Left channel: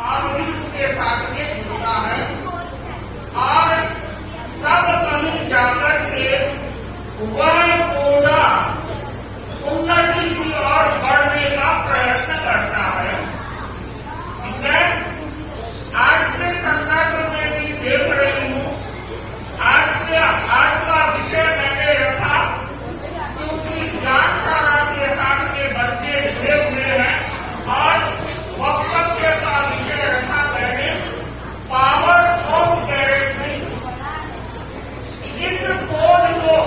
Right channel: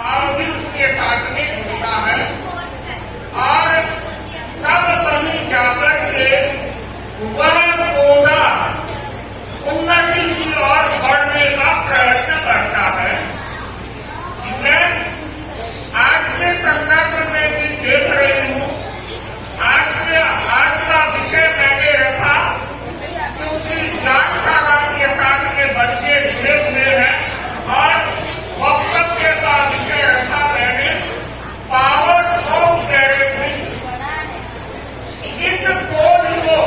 भाव भी उसके साथ में जुड़ता है और सब कहीं जाकर के वन पौधा उन्नति की ओर बढ़ने का प्रयत्न करता है। मैं आज के संदर्भ में भी देख रही हूँ, आज का विषय मैंने रखा क्योंकि ज्ञानशाला के साथ में बच्चे जुड़े हुए हैं और वक्तव्य का विषय रखा मैंने पावर ऑफ पेरेंटिंग। इस खोज को,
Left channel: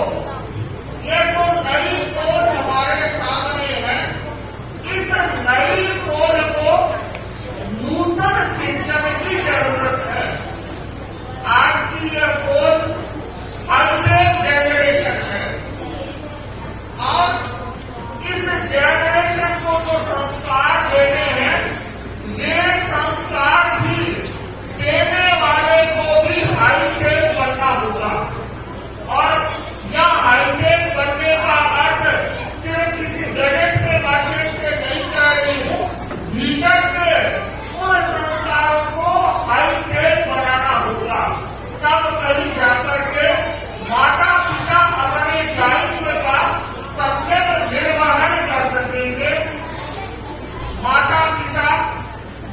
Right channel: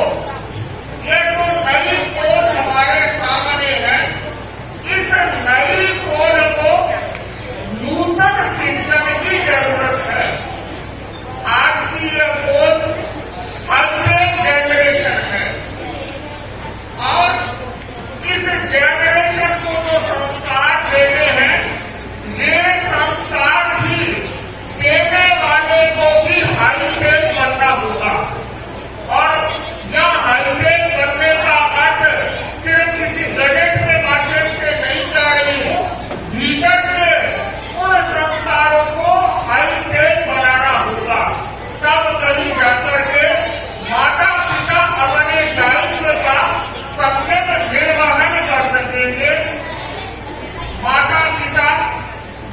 ये जो नई खोज हमारे सामने है, इस नई खोज को नूतन सिंचन की जरूरत है। आज की यह खोज हाईटेक जनरेशन है और इस जनरेशन को जो संस्कार देने हैं, ये संस्कार भी देने वाले को भी हाईटेक बनना होगा। और यह हाईटेक बनने का अर्थ सिर्फ किसी गैजेट के माध्यम से नहीं कर रही हूँ, भीतर के उन संस्कारों को हाईटेक बनाना होगा। तब कहीं जाकर के माता पिता अपने दायित्व का सम्यक निर्वहन कर सकेंगे। माता पिता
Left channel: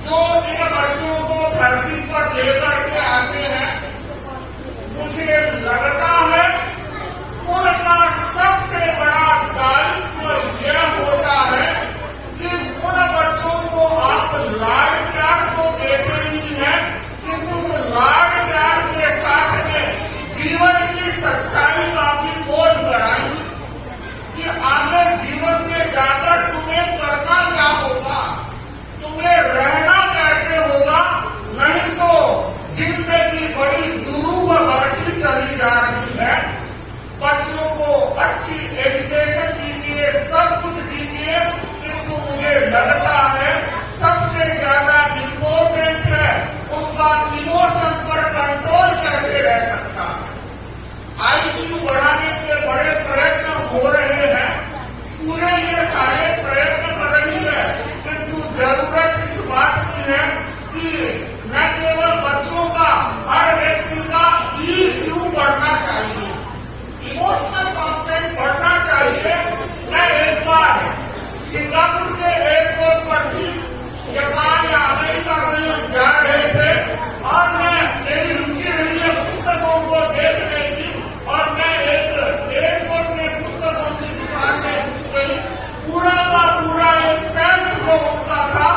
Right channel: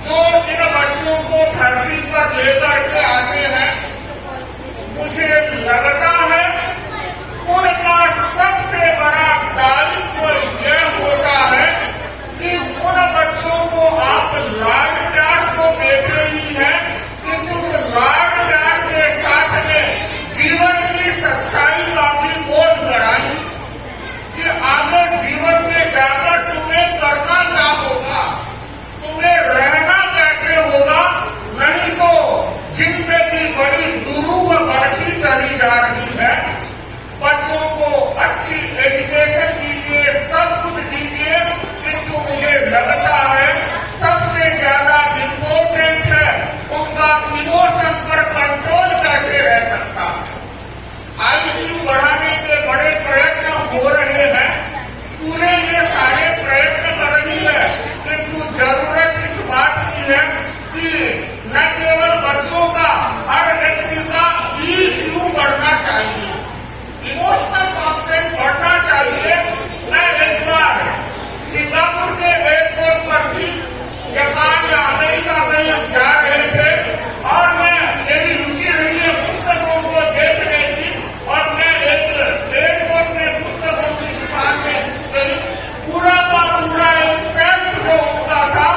जो इन बच्चों को धरती पर लेकर के आते हैं, मुझे लगता है उनका सबसे बड़ा दायित्व यह होता है कि उन बच्चों को आप लाड प्यार तो देते ही हैं, कि उस लाड प्यार के साथ में जीवन की सच्चाई का भी बोध कराएं कि आगे जीवन में जाकर तुम्हें करना क्या होगा, तुम्हें रहना कैसे होगा, नहीं तो जिंदगी बड़ी दुरूह बढ़ती चली जा रही है। बच्चों को अच्छी एजुकेशन दीजिए, सब कुछ दीजिए, किंतु मुझे लगता है सबसे ज्यादा इम्पोर्टेंट है उनका इमोशन पर कंट्रोल कैसे रह सकता है। आईक्यू बढ़ाने के बड़े प्रयत्न हो रहे हैं, पूरे ये सारे प्रयत्न कर रही है, किंतु जरूरत इस बात की है कि न केवल बच्चों का, हर व्यक्ति का EQ बढ़ना चाहिए, इमोशनल कॉन्सेप्ट बढ़ना चाहिए। मैं एक बार सिंगापुर के एयरपोर्ट पर भी जापान या अमेरिका में जा रहे थे और मेरी रुचि रही है पुस्तकों को देख रही थी और मैं एक एयरपोर्ट में पुस्तकों की दुकान में गई। पूरा का पूरा एक सेल्फ जो उनका था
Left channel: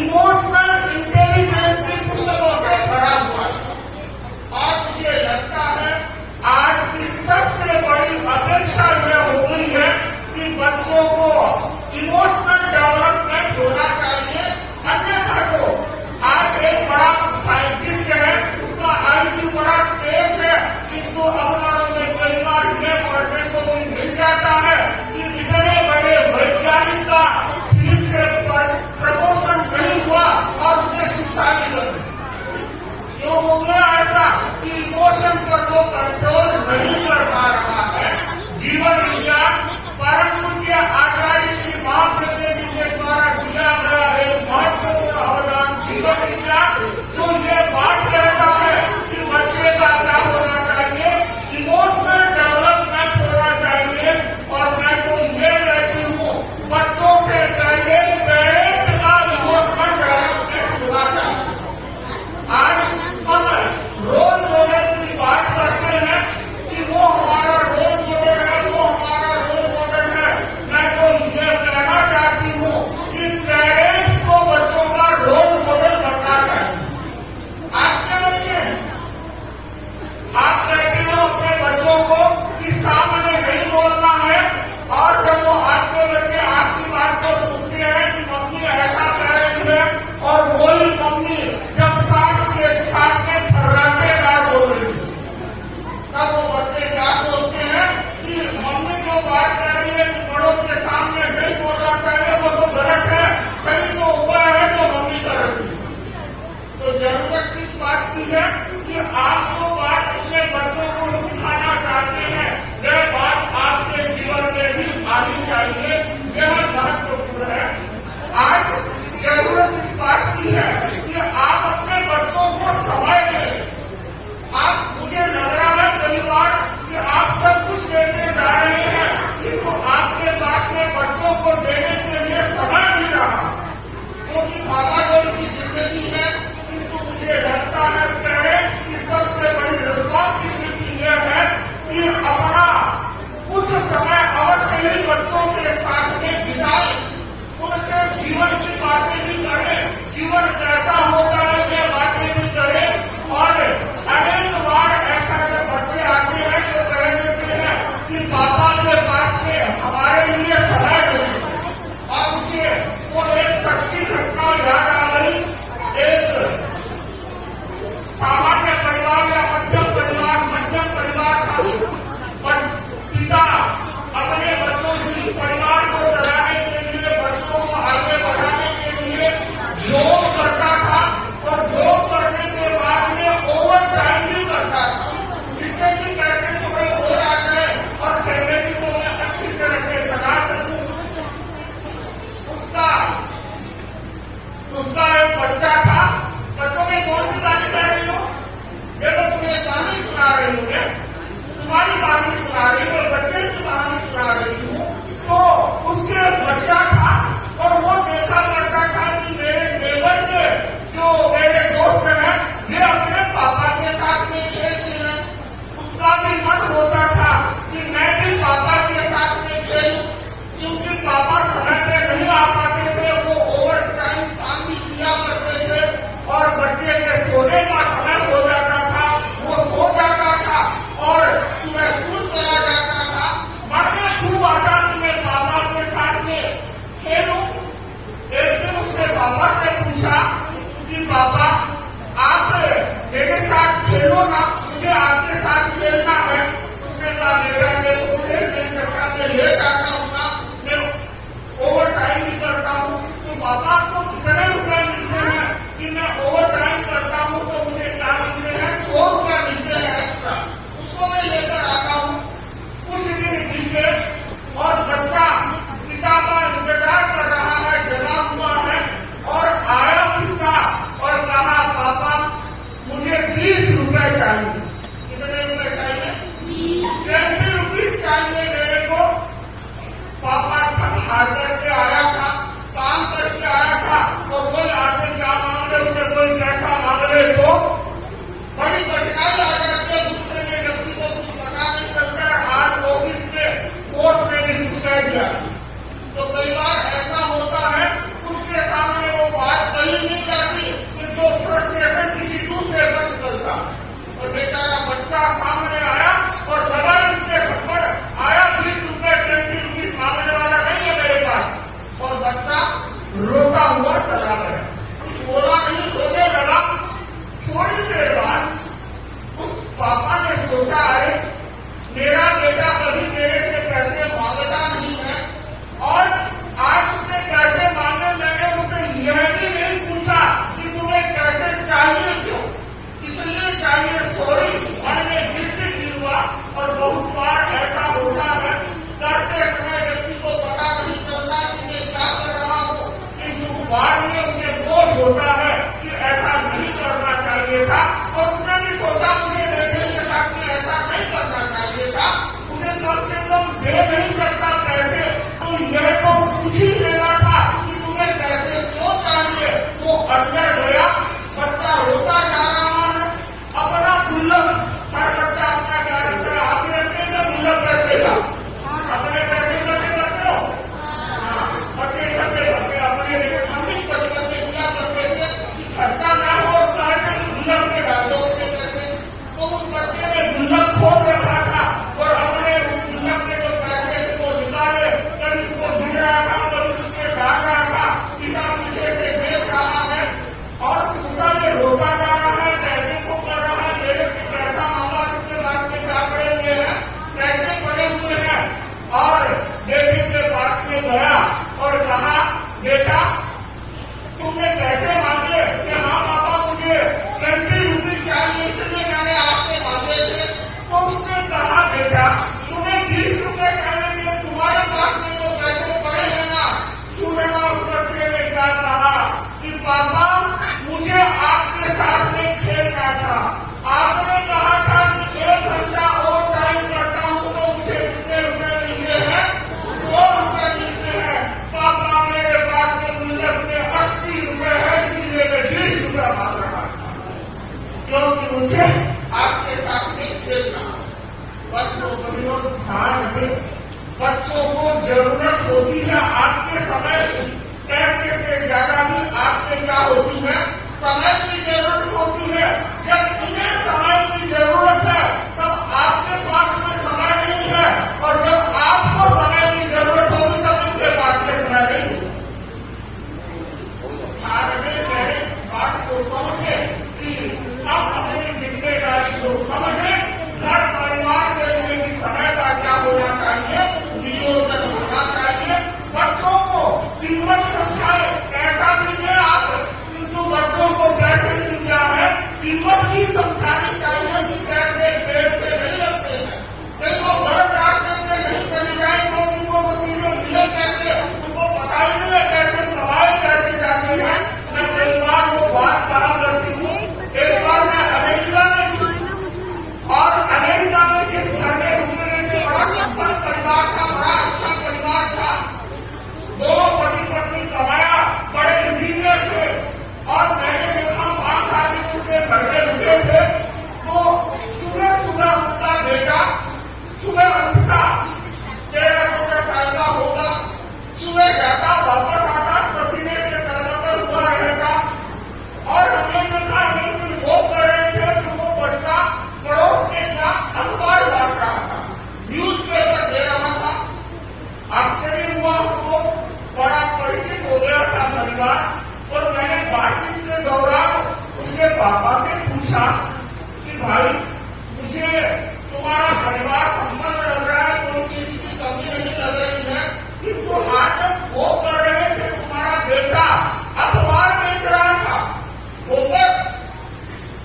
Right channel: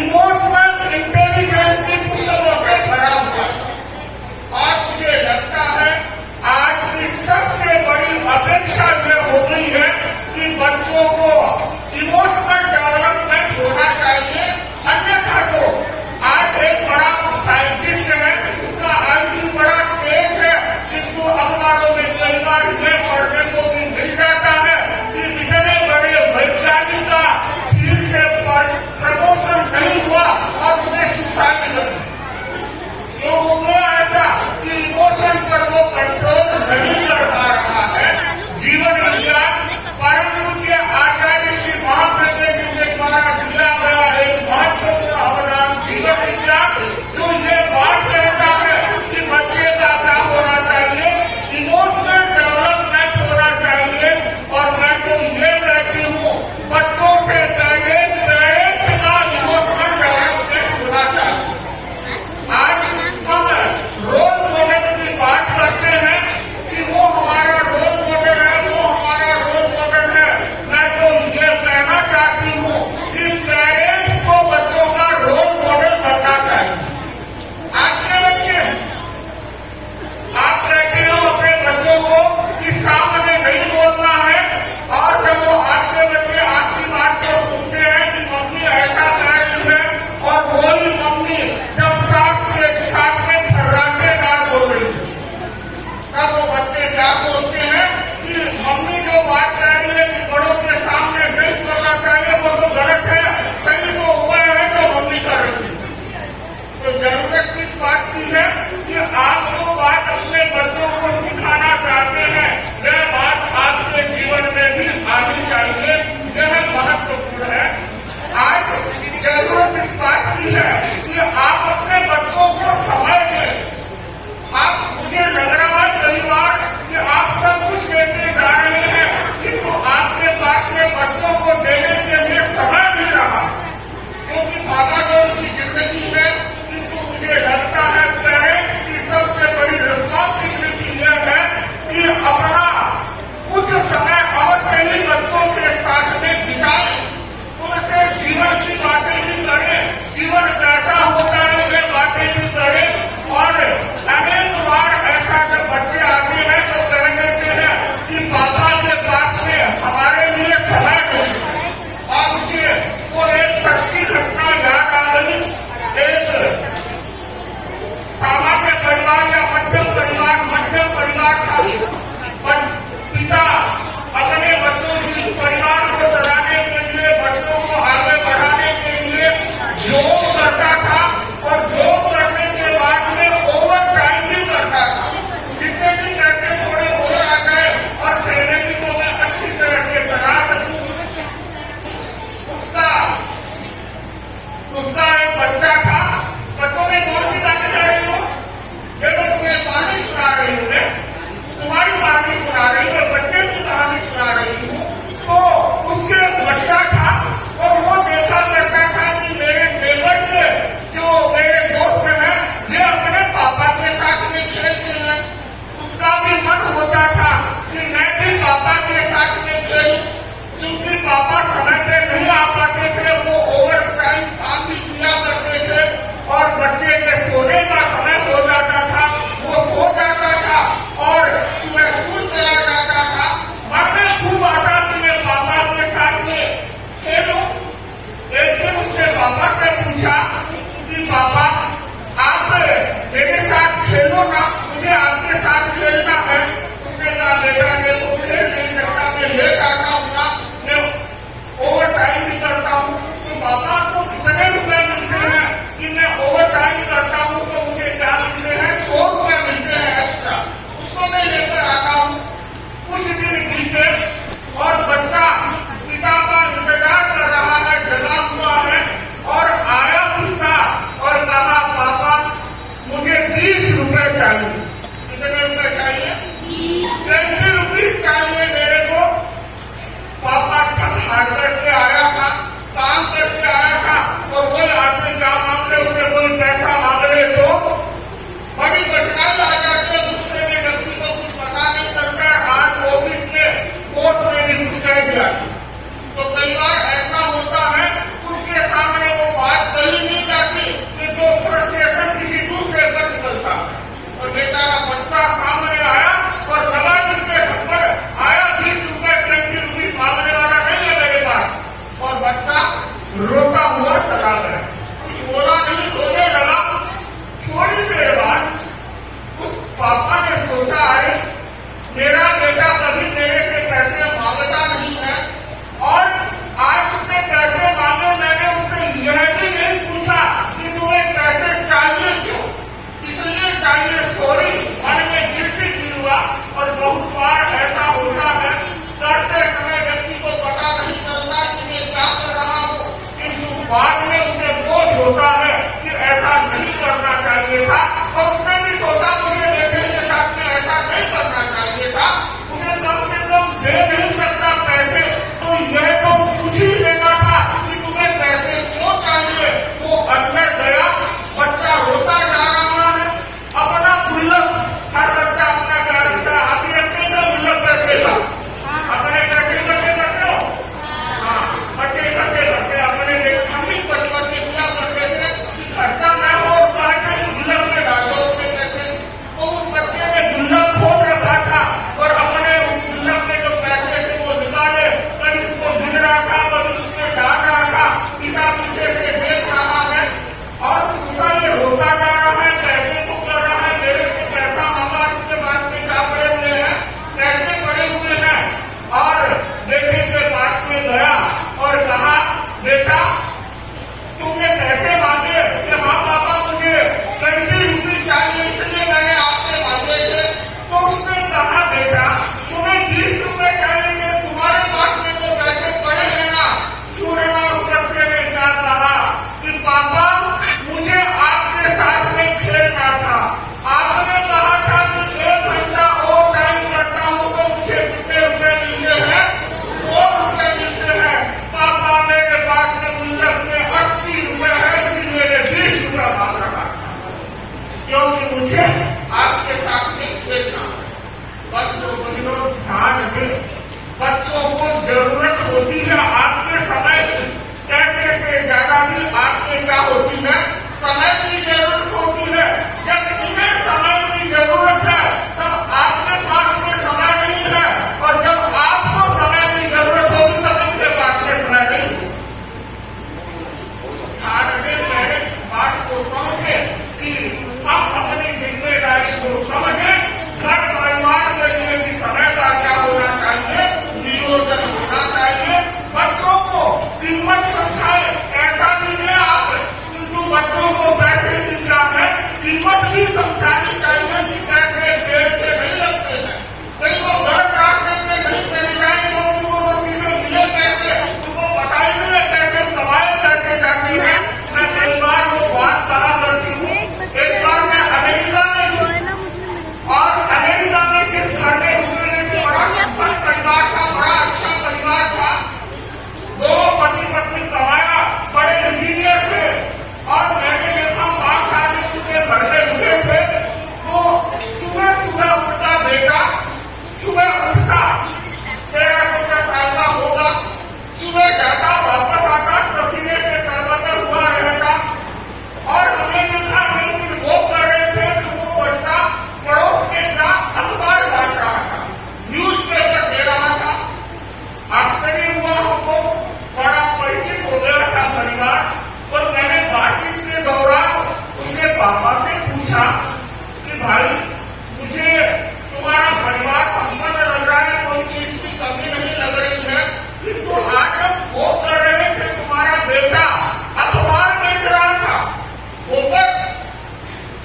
इमोशनल इंटेलिजेंस की पुस्तकों से भरा हुआ। और मुझे लगता है आज की सबसे बड़ी अपेक्षा यह हो गई है कि बच्चों को इमोशनल डेवलपमेंट होना चाहिए। अन्यथा तो आज एक बड़ा साइंटिस्ट है, उसका IQ बड़ा तेज है, किंतु अखबारों में कई बार यह पढ़ने को भी मिल जाता है कि इतने बड़े वैज्ञानिक का ठीक से प्रमोशन नहीं हुआ और उसने सुसाइड कर दी। क्यों हो गया ऐसा कि इमोशन पर वो कंट्रोल नहीं कर पा रहा है। जीवन विज्ञान परम पूज्य आचार्य श्री महाप्रज्ञ जी के द्वारा दिया गया एक महत्वपूर्ण अवदान जीवन विज्ञान, जो ये बात कहता है कि बच्चे का क्या होना चाहिए, इमोशनल डेवलपमेंट होना चाहिए। और मैं तो ये कहती हूँ बच्चों से पहले पेरेंट का इमोशनल डेवलपमेंट होना चाहिए। आज हम रोल मॉडल की बात करते हैं कि वो हमारा रोल मॉडल है, वो हमारा रोल मॉडल है। मैं तो ये कहना चाहती हूँ कि पेरेंट्स को बच्चों का रोल मॉडल बनना चाहिए। आपके बच्चे, आप कहते हो अपने बच्चों को कि सामने नहीं बोलना है, और जब वो आपके बच्चे आपकी बात को सुनते हैं कि मम्मी ऐसा कह रही है और वही मम्मी जब सास के साथ में फर्राटेदार बोल रही है, तब वो बच्चे क्या सोचते हैं कि मम्मी जो बात कह रही है कि बड़ों के सामने नहीं बोलना चाहिए, वो तो गलत है, सही तो हुआ है जो मम्मी कर रही है। तो जरूरत किस बात की है कि आप जो बात अपने बच्चों को सिखाना चाहते हैं, वह बात आपके जीवन में भी आनी चाहिए। यह महत्वपूर्ण है। आज जरूरत इस बात की है कि एक सामान्य परिवार या मध्यम परिवार था। पिता अपने बच्चों की परिवार को चलाने के लिए, बच्चों को आगे बढ़ाने के लिए जॉब करता था और जॉब करने के बाद में ओवर टाइम भी करता था, जिससे कि पैसे थोड़े और आ जाए और फैमिली को मैं अच्छी तरह से चला सकूं। उसका एक बच्चा था। बच्चों में कौन सी कहानी कह रही हूँ? देखो, तुम्हें कहानी सुना रही हूँ, मैं तुम्हारी कहानी सुना रही हूँ, बच्चे की कहानी सुना रही हूँ। तो उसके बच्चा था और वो देखा करता था कि मेरे नेबर के जो मेरे दोस्त हैं वे अपने पापा के साथ में खेलते हैं। उसका भी मन होता था कि मैं भी पापा के साथ में खेलूं, क्योंकि पापा समय पे नहीं आ पाते थे, वो ओवर टाइम काम भी किया करते थे और बच्चे के सोने का समय हो जाता था, वो सो जाता था और सुबह स्कूल चला जाता था। मन में खूब आता कि मैं पापा के साथ में खेलूं। एक दिन उसने पापा से पूछा कि पापा, आप मेरे साथ खेलो ना, मुझे आपके साथ खेलना है। उसने कहा, बेटा देखो, खेल नहीं सकता, मैं लेट आता हूँ ना, मैं ओवर टाइम भी करता हूँ। तो पापा को कितने रुपए मिलते हैं कि मैं ओवर टाइम करता हूँ? तो मुझे क्या मिलते हैं? 100 रुपए मिलते हैं एक्स्ट्रा। उसको मैं लेकर आता हूँ। कुछ दिन बीते और बच्चा पिता का इंतजार कर रहा है, जगा हुआ है, और आया पिता और कहा, पापा मुझे 20 रुपए चाहिए। कितने रुपए चाहिए? 20 रुपीज चाहिए मेरे को। पापा थक हार करके आया था, काम करके आया था, और कोई आदमी क्या मांग ले, उससे कोई पैसा मांग ले तो बड़ी कठिनाई आ जाती है। दूसरे में व्यक्ति को कुछ पता नहीं चलता है। आज ऑफिस में बॉस ने भी कुछ कह दिया तो कई बार ऐसा होता है, उसके सामने वो बात कही नहीं जाती कि जो फ्रस्ट्रेशन किसी दूसरे पर निकलता। और बेचारा बच्चा सामने आया और लगा इसके थप्पड़ आया। 20 रुपए 20 रुपीज मांगने वाला नहीं है मेरे पास। और बच्चा रोता हुआ चला गया, कुछ बोला नहीं, रोने लगा। थोड़ी देर बाद उस पापा ने सोचा, अरे मेरा बेटा कभी मेरे से पैसे मांगता नहीं है और आज उसने पैसे मांगे। मैंने उससे यह भी नहीं पूछा कि तुम्हें पैसे चाहिए क्यों, इसलिए चाहिए, सॉरी। मन में गिल्ट फील हुआ। और बहुत बार ऐसा होता है, करते समय व्यक्ति को पता नहीं चलता कि मैं क्या कर रहा हूँ, किंतु बाद में उसे बोझ होता है कि ऐसा नहीं करना चाहिए था। और उसने भी सोचा, मुझे बेटे के साथ में ऐसा नहीं करना चाहिए था। उसे कम से कम दे नहीं सकता पैसे, तो यह तो पूछ ही लेना था कि तुम्हें पैसे क्यों चाहिए। वो अंदर गया, बच्चा रोता जा रहा है। अपना गुल्लक, हर बच्चा अपना क्या रखता है? आदि रखेगा, गुल्लक रखेगा। अपने पैसे इकट्ठे करते हो? हाँ, बच्चे इकट्ठे करते अपने। हम भी बचपन में क्या करते थे कि खर्चा ना हो और कहना कि गुल्लक में डालो अपने पैसे। तो उस बच्चे ने गुल्लक खोल रखा था और अपने उस गुल्लक में जो पैसे थे वो निकाले। कभी उसको गिन रहा था, कभी उसमें डाल रहा था। पिता पीछे से देख रहा है और सोचा, ये रोता जा रहा है, पैसे को कर रहा है, मेरे से पैसा मांगा, इसके बाद में क्या पड़े हुए हैं? पैसे पड़े हुए हैं। और बेटे के पास में गया और कहा, बेटा तुमने पैसे मांगे कि हाँ पापा मुझे 20 रुपीज चाहिए, इसलिए मैंने आपसे मांगे थे। तो उसने कहा, बेटा तुम्हें 20 रुपए चाहिए थे, तुम्हारे पास में तो पैसे पड़े हैं ना। सुनना, उस बच्चे ने क्या कहा कि पापा मुझे आपके साथ समझे कि हम अपनी जिम्मेदारी को समझे, घर परिवार के लिए भी समय का क्या होना चाहिए, नियोजन होना चाहिए। बच्चों को कीमत समझाए, ऐसा भी नहीं आप किंतु बच्चों को पैसे की क्या है कीमत ही समझानी चाहिए कि पैसे पेड़ के नहीं लगते हैं। कहीं वो गलत रास्ते में नहीं चले जाए तो उनको नसीबे मिले कैसे, उनको पता ही नहीं है कैसे कमाए कैसे जाती है। मैं कई बार वो बात कहा करती हूँ। एक बार मैं अमेरिका में थी और अमेरिका में जिस घर में रुकने से बड़ा संपन्न परिवार था, बड़ा अच्छा परिवार था, दोनों पति पत्नी कमाया, बड़े इंजीनियर थे और मैंने देखा 5 आदमी उनके घर में रुके थे। तो सुबह सुबह उनका बेटा सुबह उठता 13-14 साल का होगा, सुबह जाता वापस आता पसीने से तरबतर हुआ रहता और हमने देखा एक दिन वो कर रहे थे तो वो बच्चा पड़ोस के क्या अखबार बांट रहा था, न्यूज पेपर दे रहा था। आश्चर्य हुआ हमको, बड़ा परिचित हो गया था परिवार। और मैंने बातचीत के दौरान उसके पापा से पूछा कि भाई मुझे तुम्हारा परिवार संपन्न लग रहा है, कोई चीज की कमी नहीं लग रही है, किंतु आज हम वो कर रहे थे तुम्हारा बेटा अखबार बेच रहा था ऊपर।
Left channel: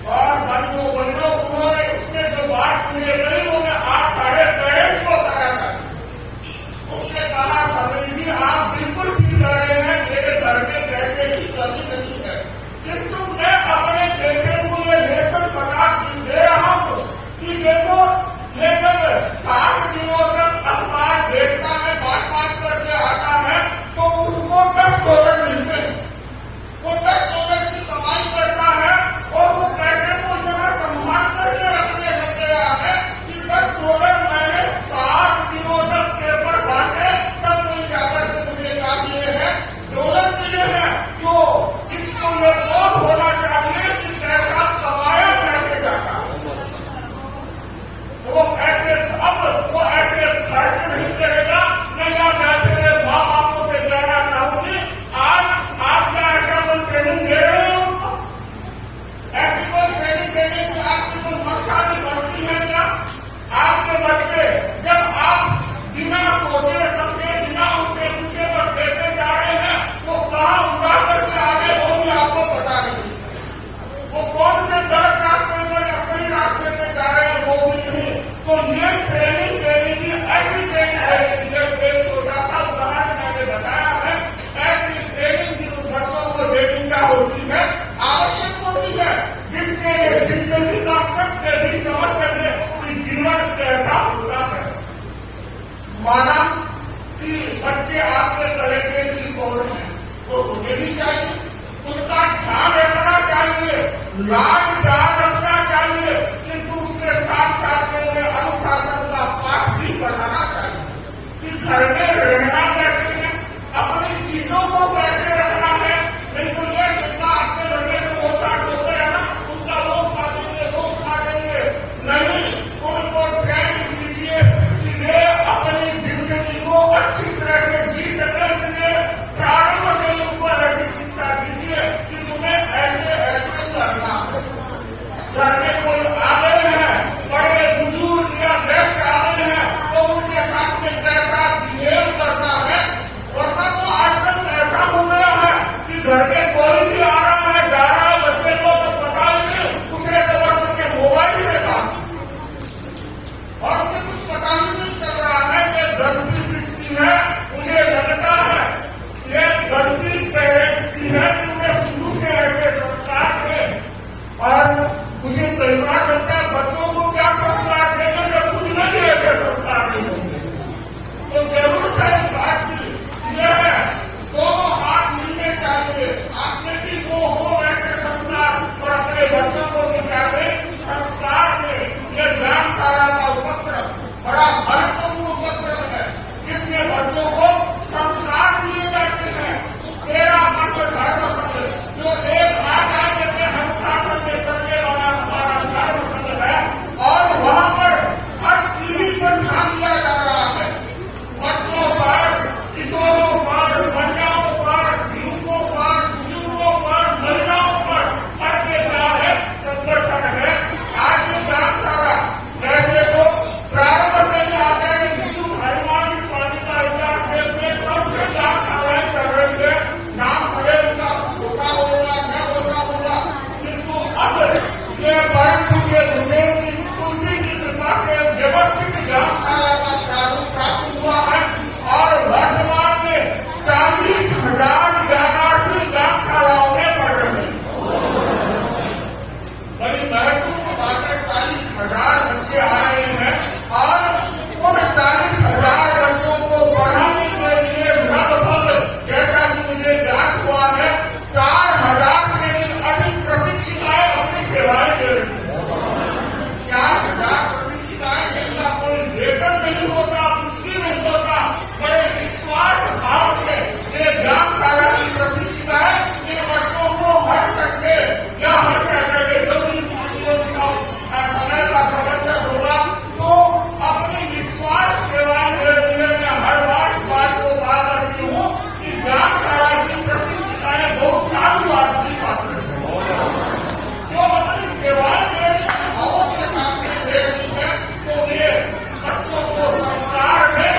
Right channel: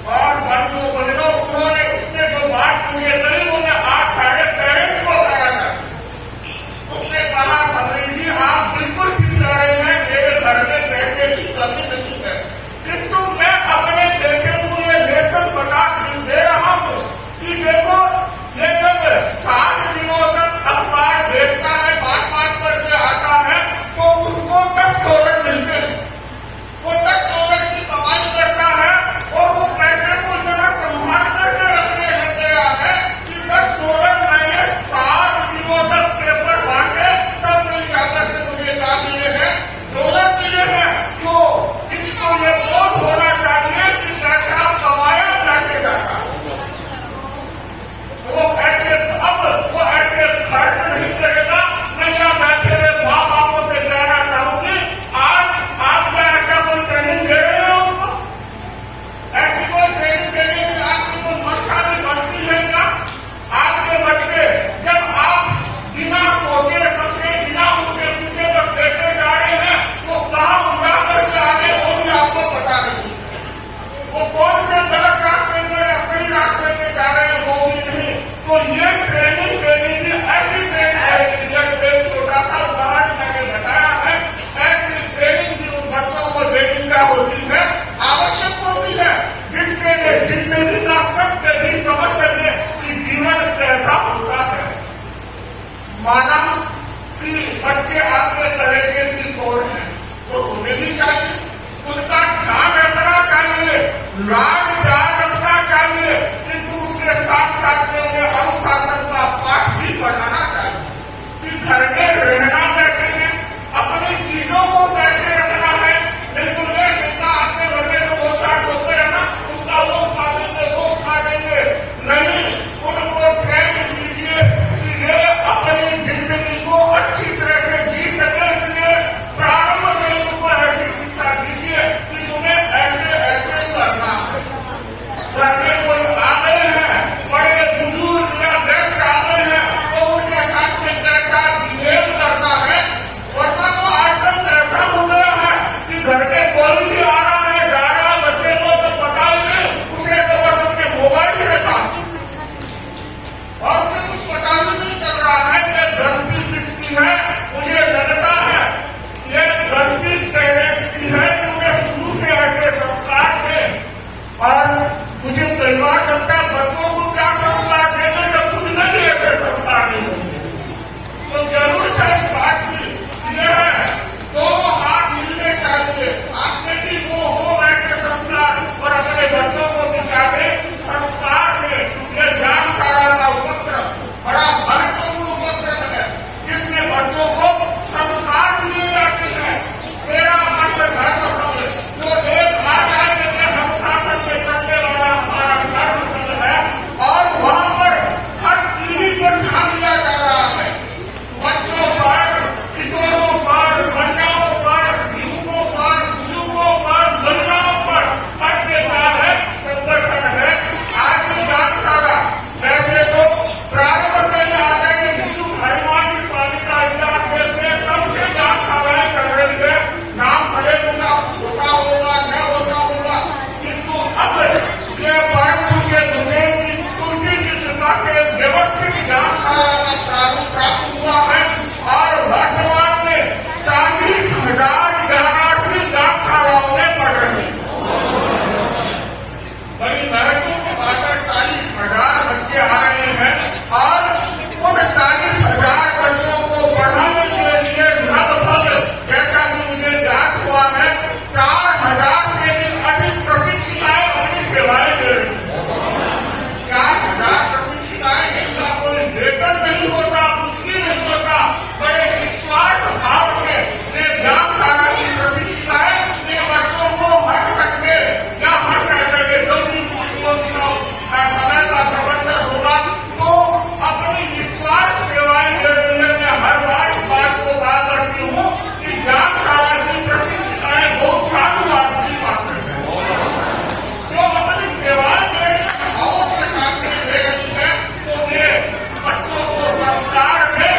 और बनो उन्होंने उसने जो बात मुझे कही वो मैं आज सारे पेरेंट्स को कहना चाहती। उसने कहा समरी जी आप बिल्कुल ठीक कह रहे हैं, मेरे घर में पैसे की कमी नहीं है, किंतु मैं अपने बेटे को ये लेसन बता दे रहा हूँ कि देखो ये जब 7 दिनों तक अखबार बेचता है, बांट करके आता है तो उसको $10 मिलते हैं। वो $10 की कमाई करता है और वो पैसे को इतना संभाल करके रखने लग गया है कि $10 मैंने 7 दिनों तक पेपर बांटे तब नहीं जाकर के मुझे क्या मिले हैं, $1 मिले हैं। तो इसको ये बोध होना चाहिए कि पैसा कमाया कैसे जाता है, वो ऐसे अब वो ऐसे खर्च नहीं करेगा। मैं यहाँ बैठे हुए माँ बापों से कहना चाहूंगी, आज आप क्या ऐसा कोई ट्रेनिंग दे रहे हो उनको, ऐसी कोई ट्रेनिंग देने की आपकी कोई मंशा भी बनती है क्या? आपके बच्चे जब आप बिना सोचे समझे बिना उनसे पूछे बस बैठे जा रहे हैं वो कहाँ उड़ा करके आगे वो भी आपको पता नहीं, वो कौन से गलत रास्ते पर या सही रास्ते पे जा रहे हैं वो भी नहीं। तो ये ट्रेनिंग देने की ऐसी ट्रेनिंग एक छोटा सा उदाहरण मैंने बताया है, ऐसी ट्रेनिंग भी उन बच्चों को देने का होती है, आवश्यक होती है, जिससे ये जिंदगी का सत्य भी समझ सके कि जीवन कैसा होता है। माना कि बच्चे आपके कलेजे की ओर हैं, वो उन्हें भी चाहिए, उनका ध्यान रखना चाहिए, लाड प्यार रखना चाहिए, किंतु उसके साथ साथ में उन्हें अनुशासन का पाठ भी पढ़ाना चाहिए कि घर में रहना कैसे है, अपनी चीजों को कैसे रखना है। बिल्कुल ये जितना आपके घर में तो 2-4 लोग रहना, उनका वो खा देंगे वो खा देंगे, नहीं, उनको ट्रेनिंग दीजिए कि ये अपनी जिंदगी को अच्छी तरह से जी सके। इसलिए प्रारंभ से उनको ऐसी शिक्षा दीजिए कि तुम्हें ऐसे ऐसे करना है। घर में कोई आ गए हैं, बड़े बुजुर्ग या गेस्ट आ गए हैं तो उनके साथ में कैसा बिहेव करना है। वरना तो आजकल कैसा हो गया है कि घर में कोई भी आ रहा है जा रहा है, बच्चे को तो पता ही नहीं, उसे तो बस अपने मोबाइल से था और उसे कुछ पता ही नहीं चल रहा है कि गलती किसकी है। मुझे लगता है ये गलती पेरेंट्स की है कि उन्हें शुरू से ऐसे संस्कार थे और मुझे कई बार लगता है बच्चों को क्या संस्कार देगा जब खुद में भी ऐसे संस्कार नहीं होंगे। तो जरूर है इस बात की यह है, दोनों हाथ मिलने चाहिए, आपने भी वो हो वैसे संस्कार और अपने बच्चों को भी चाहिए संस्कार में। यह ज्ञानशाला का उपक्रम बड़ा महत्वपूर्ण उपक्रम है जिसमें बच्चों को संस्कार दिए जाते हैं। तेरा मात्र धर्म संघ जो एक आज के अनुशासन में चलने वाला हमारा धर्म संघ है, ज्ञानशाला का प्रारूप प्राप्त हुआ है और वर्तमान में 40,000 ज्ञानार्थी ज्ञानशालाओं में पढ़ रहे हैं। बड़ी महत्वपूर्ण बात है, 40,000 बच्चे आ रहे हैं और उन 40,000 बच्चों को पढ़ाने के लिए लगभग, जैसा कि मुझे ज्ञात हुआ है, 4,000 से भी अधिक प्रशिक्षिकाएं अपनी सेवाएं दे रही हैं। 4,000 प्रशिक्षिकाएं, जिनका कोई वेतन नहीं होता, कुछ भी नहीं होता, बड़े निस्वार्थ भाव से ये ज्ञानशाला की प्रशिक्षिकाएं इन बच्चों को हर संडे या हर सैटरडे, जो भी समय का प्रबंधन होगा, तो अपनी निस्वार्थ सेवाएं दे रही है। मैं हर बात को बात करती हूँ कि ज्ञानशाला की प्रशिक्षिकाएं बहुत साधु आदमी पात्र है, जो अपनी सेवाएं दे भावों के साथ दे रही है, तो ये बच्चों को संस्कार दे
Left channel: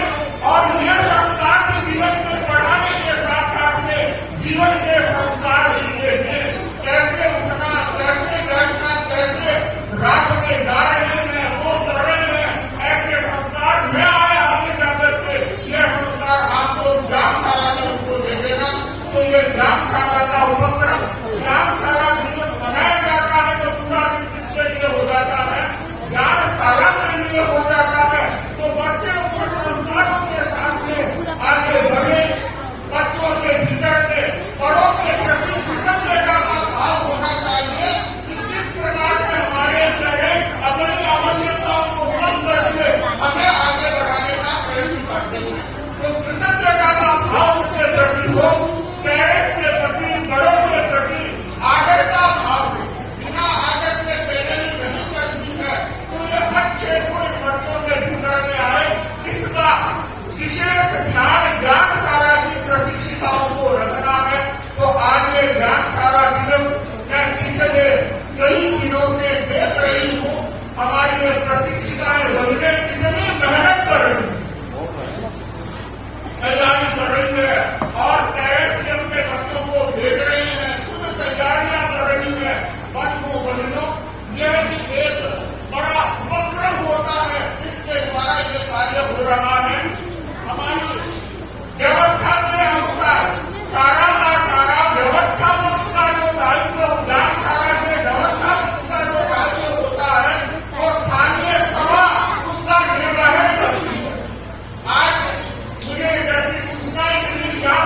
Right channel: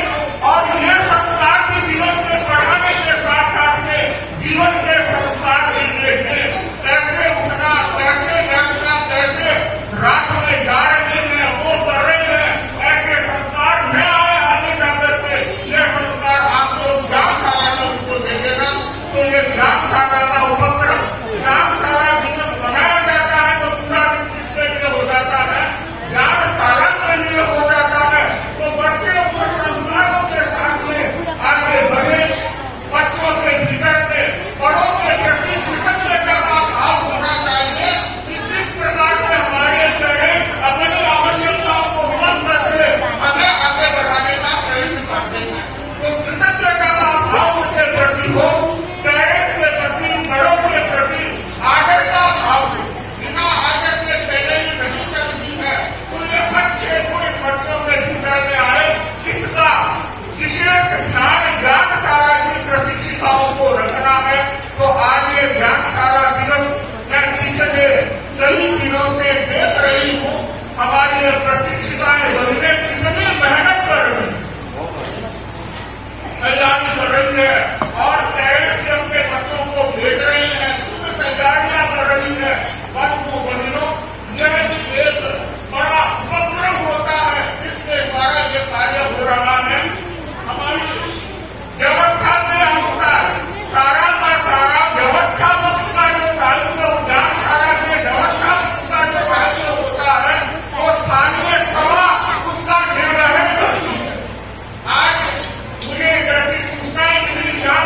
और यह संस्कार भी जीवन में पढ़ाने के साथ साथ में जीवन के संस्कार भी देते, कैसे उठना, कैसे बैठना, कैसे रात में जा रहे हैं, वो कर रहे हैं, ऐसे संस्कार न आए आगे जाकर के, ये संस्कार आप लोग ज्ञानशाला में उनको दे देना। तो ये ज्ञानशाला का उपक्रम, ज्ञानशाला दिवस मनाया जाता है तो पूरा किसके लिए हो जाता है? ज्ञानशाला के लिए हो जाता है। तो बच्चे उन संस्कारों के साथ में आगे बढ़े, बच्चों के भीतर में बड़ों के प्रति कृतज्ञता का भाव होना चाहिए कि जिस प्रकार से हमारे पेरेंट्स अपनी आवश्यकताओं को कम करके हमें आगे बढ़ाने का प्रयत्न करते हैं, तो कृतज्ञता का भाव उनके प्रति हो, पेरेंट्स के प्रति, बड़ों के प्रति आदर का भाव हो। बिना आदर के पेरेंट्स नहीं चलती है, तो ये अच्छे गुण बच्चों के भीतर में आए, इसका विशेष ध्यान ज्ञानशाला की प्रशिक्षिकाओं को रखना है। तो आज ये ज्ञानशाला दिवस मैं पिछले कई दिनों से देख रही हूँ, हमारी प्रशिक्षिकाएं बनने कितनी मेहनत कर रही है, तैयारी कर रही है और पेरेंट्स भी अपने बच्चों को भेज रहे हैं, खुद तैयारियां कर रही है। बच्चों बनियों, यह एक बड़ा उपक्रम होता है, जिसके द्वारा ये कार्य हो रहा है। हमारी व्यवस्था के अनुसार सारा का सारा व्यवस्था पक्ष का जो दायित्व, ज्ञानशाला के व्यवस्था पक्ष का जो दायित्व होता है, वो स्थानीय सभा उसका निर्वहन करती है। आज मुझे जैसी सूचनाएं मिली, यहाँ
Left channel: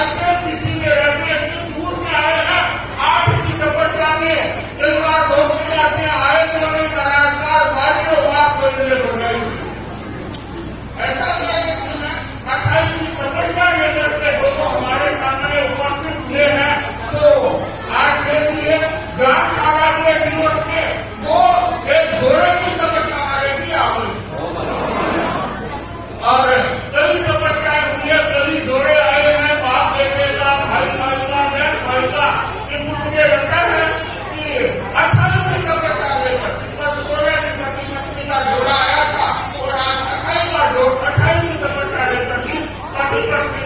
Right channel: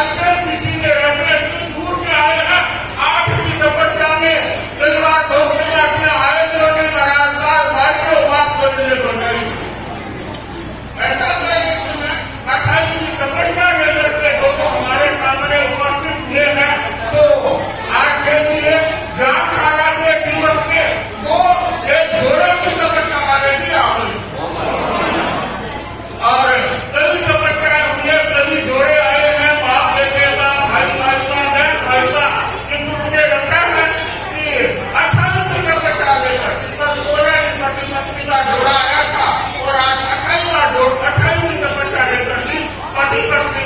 साइकिल सिटी में रहते इतनी दूर से आए हैं, 8 की तपस्या में कई बार भोगने अपने आए जो ने महाराज भर के उपवास करने को नहीं। ऐसा मैंने सुना 28 की तपस्या लेकर के वो तो हमारे सामने उपस्थित हुए हैं। तो आज के लिए ग्रामशाला के दिवस में वो एक घोड़े की तपस्या वाले भी आ गई और कई तपस्याएं हुई है, कई जोड़े आए हैं, बाप बेटे का, भाई भाई का, बहन भाई का। किंतु मुझे लगता है कि 28 की तपस्या लेकर 16 की पति का जोड़ा आया था और आज 28 की तपस्या लेकर पति पत्नी